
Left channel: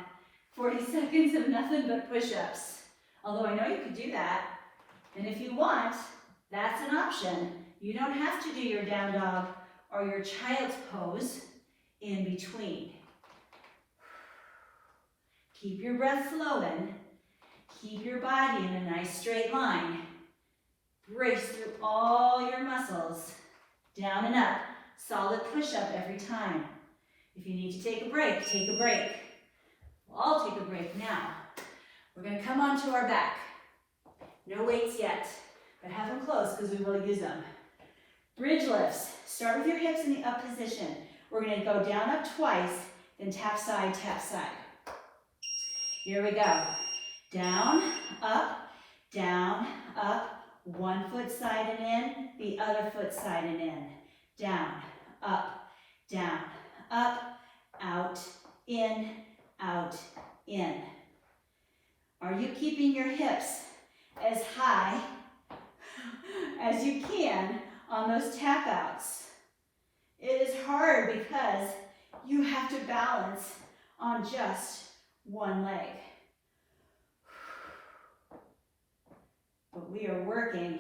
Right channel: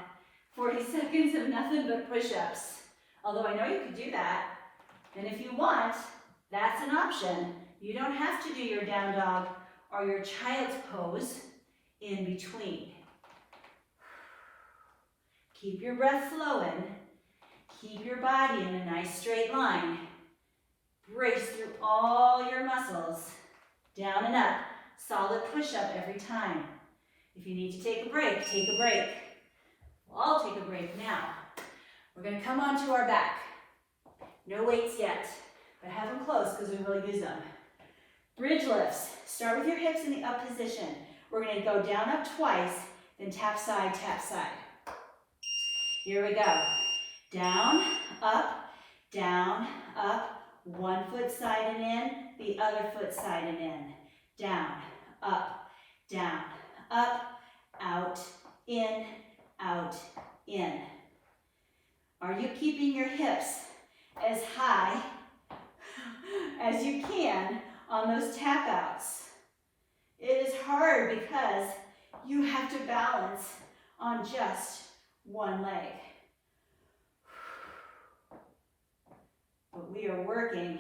40 seconds of nothing but push-ups. Although I know you could do that. And if you want, that's an option. You don't have to do your down dog or your child's pose in between. Keep your breath flowing. Keep your body in a nice straight line. Brace through all your muscles. Down and up. Solid push-up every time. If you need to take a break, take a break. We'll all take a break now. We're gonna come onto our back. No weights yet, but have them close because we will use them. Bridge lifts. Start with your hips in the up position. We're gonna go down, up twice, then tap side, tap side. Here we go. Down, up, one foot side and in, the other foot side and in. Down, up, out, in, out, in. Are you keeping your hips as high as you can on those tap outs? It is hard because you have to balance on just one leg. But we are working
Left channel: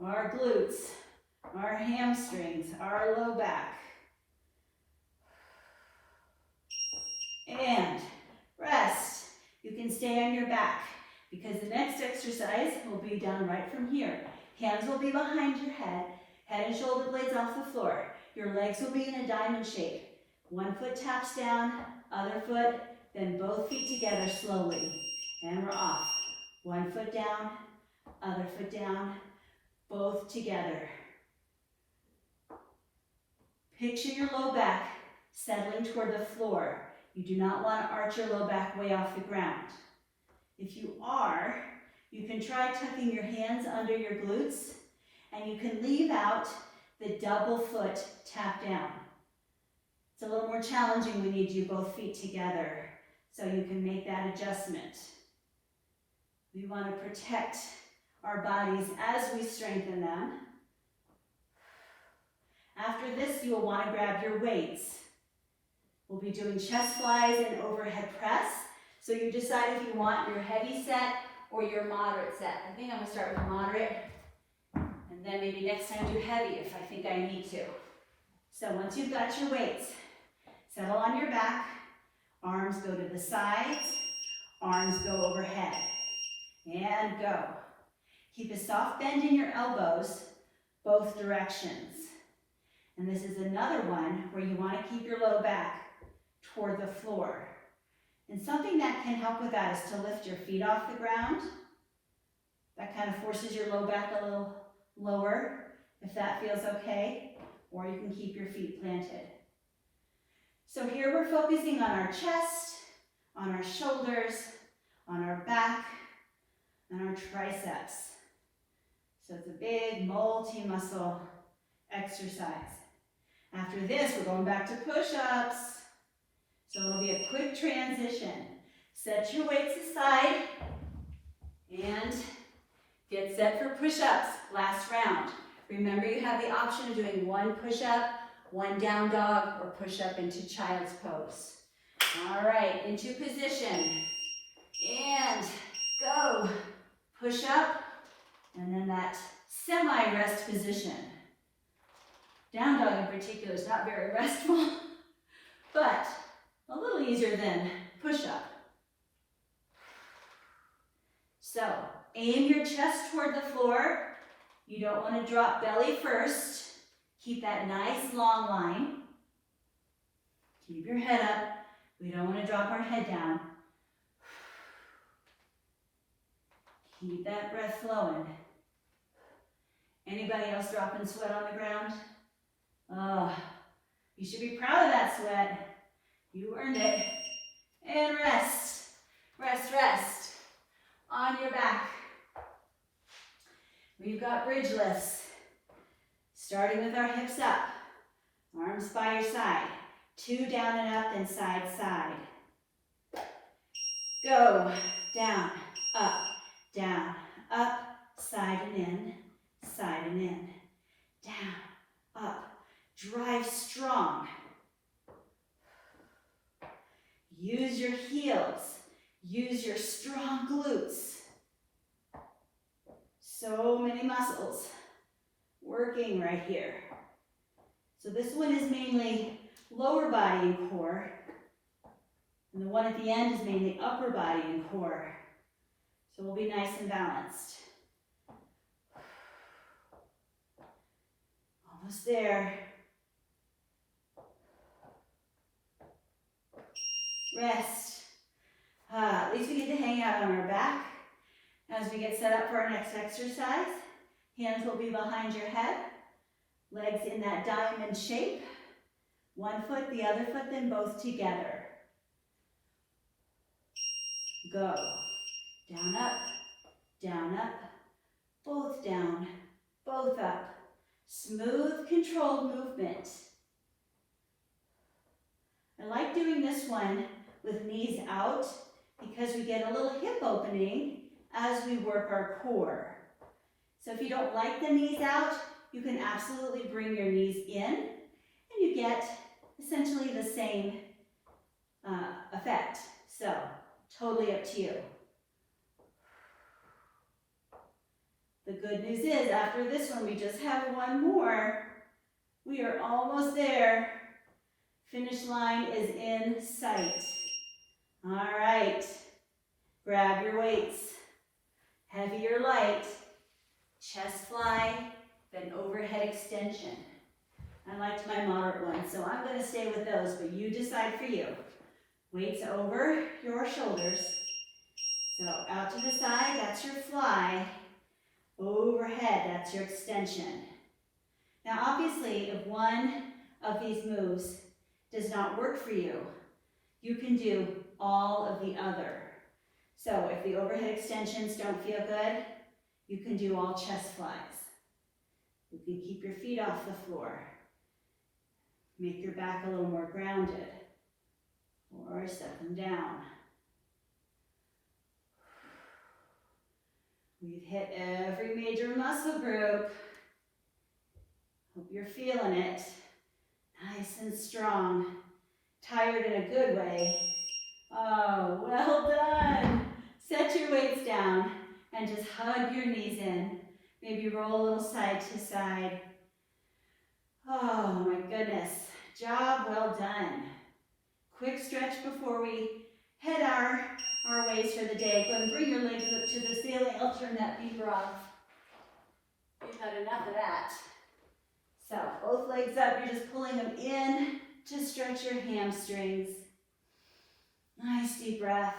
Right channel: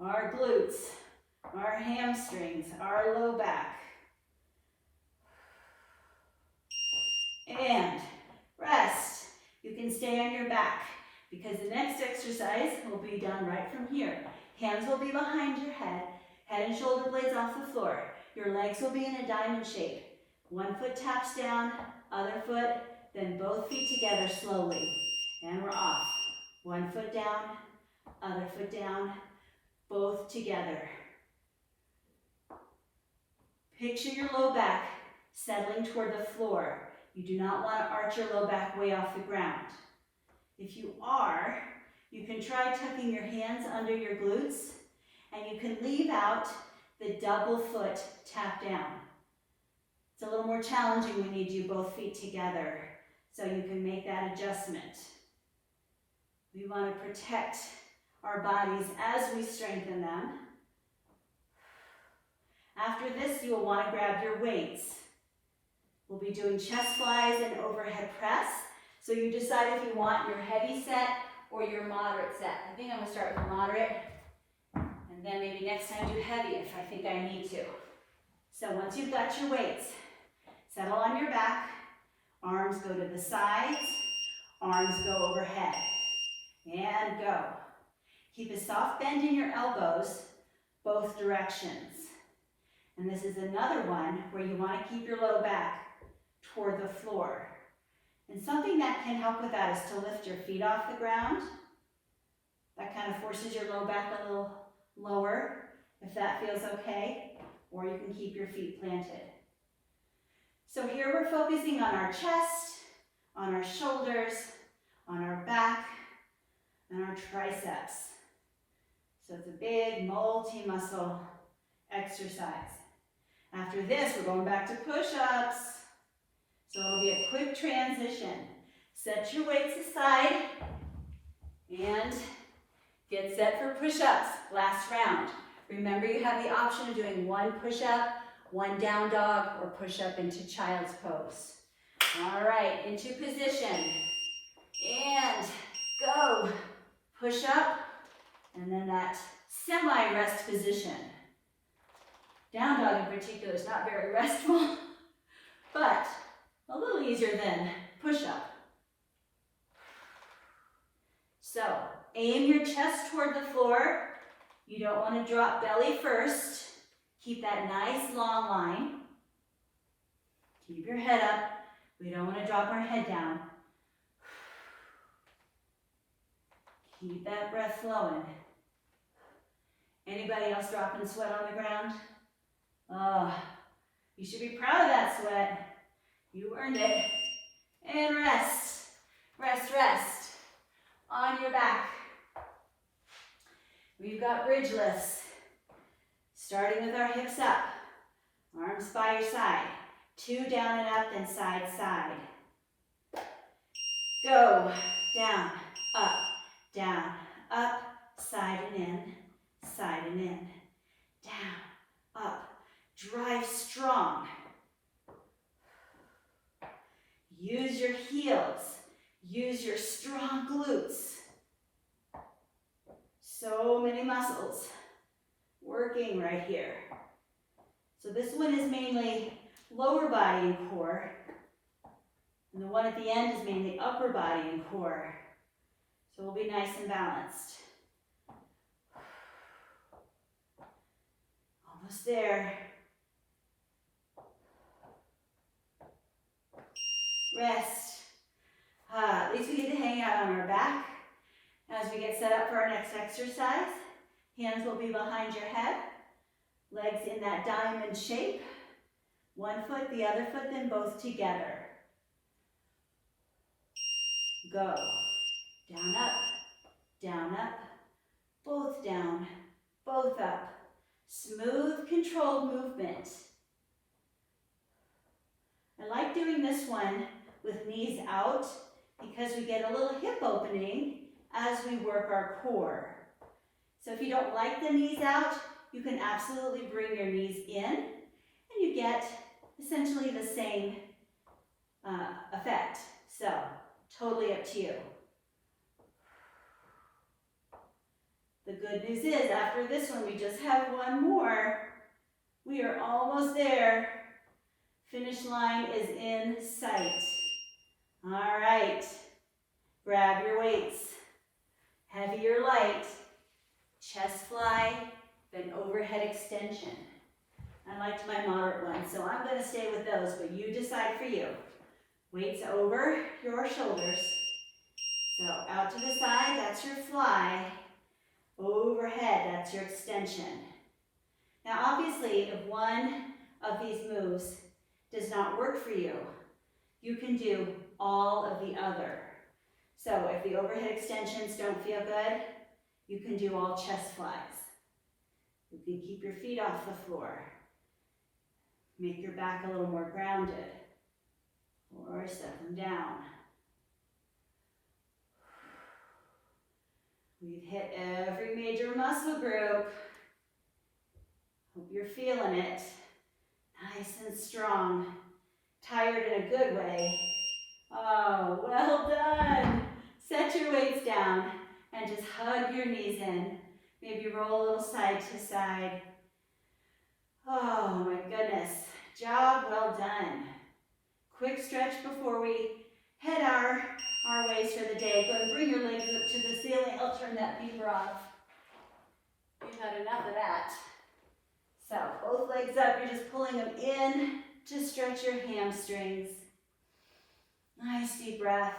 our glutes, our hamstrings, our low back. And rest. You can stay on your back because the next exercise will be done right from here. Hands will be behind your head and shoulder blades off the floor. Your legs will be in a diamond shape. One foot taps down, other foot, then both feet together slowly. And we're off. One foot down, other foot down, both together. Picture your low back settling toward the floor. You do not want to arch your low back way off the ground. If you are, you can try tucking your hands under your glutes, and you can leave out the double foot tap down. It's a little more challenging when you do both feet together, so you can make that adjustment. We want to protect our bodies as we strengthen them. After this, you will want to grab your weights. We'll be doing chest flies and overhead press. So you decide if you want your heavy set or your moderate set. I think I'm gonna start with moderate, and then maybe next time do heavy if I think I need to. So once you've got your weights, settle on your back, arms go to the sides, arms go overhead, and go. Keep a soft bend in your elbows, both directions. And this is another one where you want to keep your low back toward the floor. And something that can help with that is to lift your feet off the ground. That kind of forces your low back a little lower, if that feels okay, or you can keep your feet planted. So here we're focusing on our chest, on our shoulders, on our back, and our triceps. So it's a big multi-muscle exercise. After this, we're going back to push-ups. So it'll be a quick transition. Set your weights aside and get set for push-ups. Last round. Remember, you have the option of doing one push-up, one down dog, or push-up into child's pose. All right, into position. And go. Push up, and then that semi-rest position. Down dog in particular is not very restful, but a little easier than push-up. So, aim your chest toward the floor. You don't want to drop belly first. Keep that nice long line. Keep your head up. We don't want to drop our head down. Keep that breath flowing. Anybody else dropping sweat on the ground? Oh, you should be proud of that sweat. You earned it. And rest. Rest, rest. On your back. We've got bridge lifts. Starting with our hips up. Arms by your side. 2 down and up, then side, side. Go. Down, up, side and in, down, up. Drive strong. Use your heels. Use your strong glutes. So many muscles working right here. So this one is mainly lower body and core, and the one at the end is mainly upper body and core. So we'll be nice and balanced. Almost there. Rest. At least we get to hang out on our back. As we get set up for our next exercise, hands will be behind your head, legs in that diamond shape. One foot, the other foot, then both together. Go. Down, up, both down, both up. Smooth, controlled movement. I like doing this one with knees out because we get a little hip opening as we work our core. So if you don't like the knees out, you can absolutely bring your knees in and you get essentially the same effect. So totally up to you. The good news is after this one, we just have one more. We are almost there. Finish line is in sight. All right, grab your weights. Heavy or light, chest fly, then overhead extension. I liked my moderate one, so I'm gonna stay with those, but you decide for you. Weights over your shoulders. So out to the side, that's your fly. Overhead, that's your extension. Now obviously, if one of these moves does not work for you, you can do all of the other. So if the overhead extensions don't feel good, you can do all chest flies. You can keep your feet off the floor. Make your back a little more grounded. Or set them down. We've hit every major muscle group. Hope you're feeling it. Nice and strong. Tired in a good way. Oh, well done. Set your weights down and just hug your knees in. Maybe roll a little side to side. Oh my goodness. Job well done. Quick stretch before we head our ways for the day. Go and bring your legs up to the ceiling. I'll turn that beeper off. We've had enough of that. So both legs up, you're just pulling them in to stretch your hamstrings. Nice deep breath.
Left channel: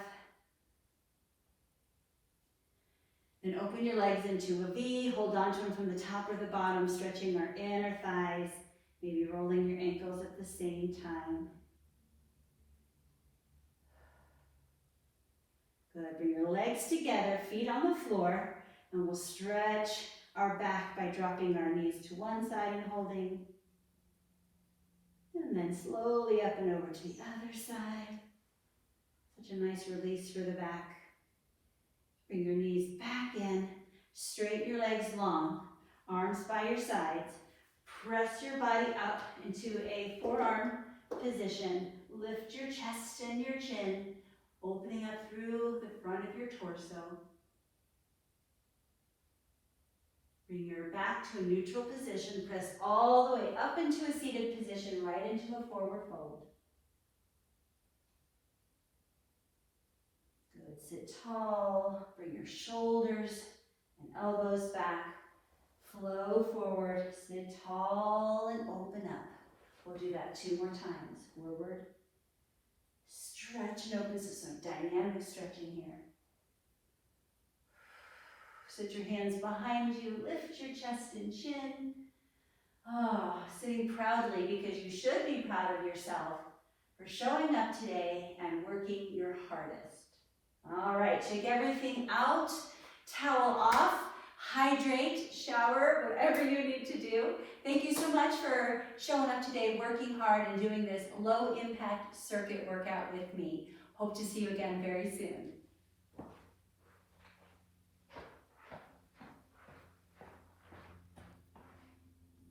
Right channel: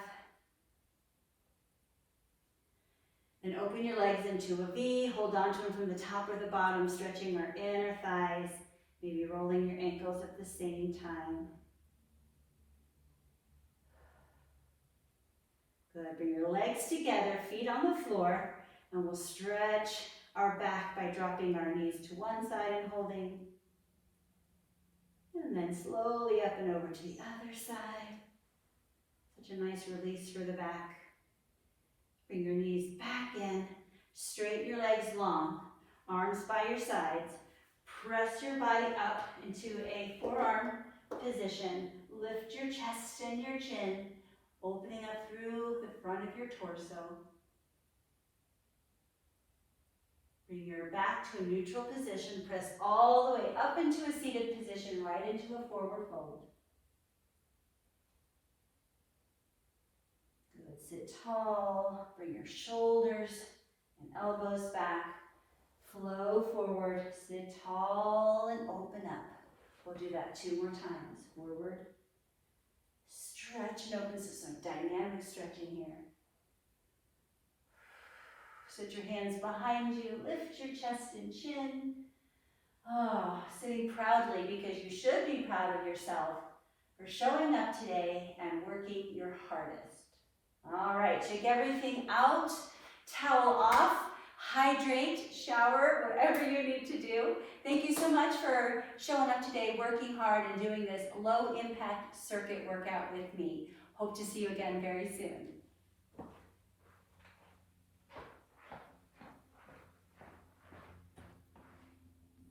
Then open your legs into a V. Hold on to them from the top or the bottom, stretching our inner thighs. Maybe rolling your ankles at the same time. Good. Bring your legs together, feet on the floor, and we'll stretch our back by dropping our knees to one side and holding. And then slowly up and over to the other side. Such a nice release for the back. Bring your knees back in, straighten your legs long, arms by your sides. Press your body up into a forearm position. Lift your chest and your chin, opening up through the front of your torso. Bring your back to a neutral position. Press all the way up into a seated position, right into a forward fold. Good. Sit tall. Bring your shoulders and elbows back. Flow forward. Sit tall and open up. We'll do that 2 more times. Forward. Stretch and open. So some dynamic stretching here. Sit your hands behind you, lift your chest and chin. Oh, sitting proudly because you should be proud of yourself for showing up today and working your hardest. All right, check everything out, towel off, hydrate, shower, whatever you need to do. Thank you so much for showing up today, working hard and doing this low impact circuit workout with me. Hope to see you again very soon.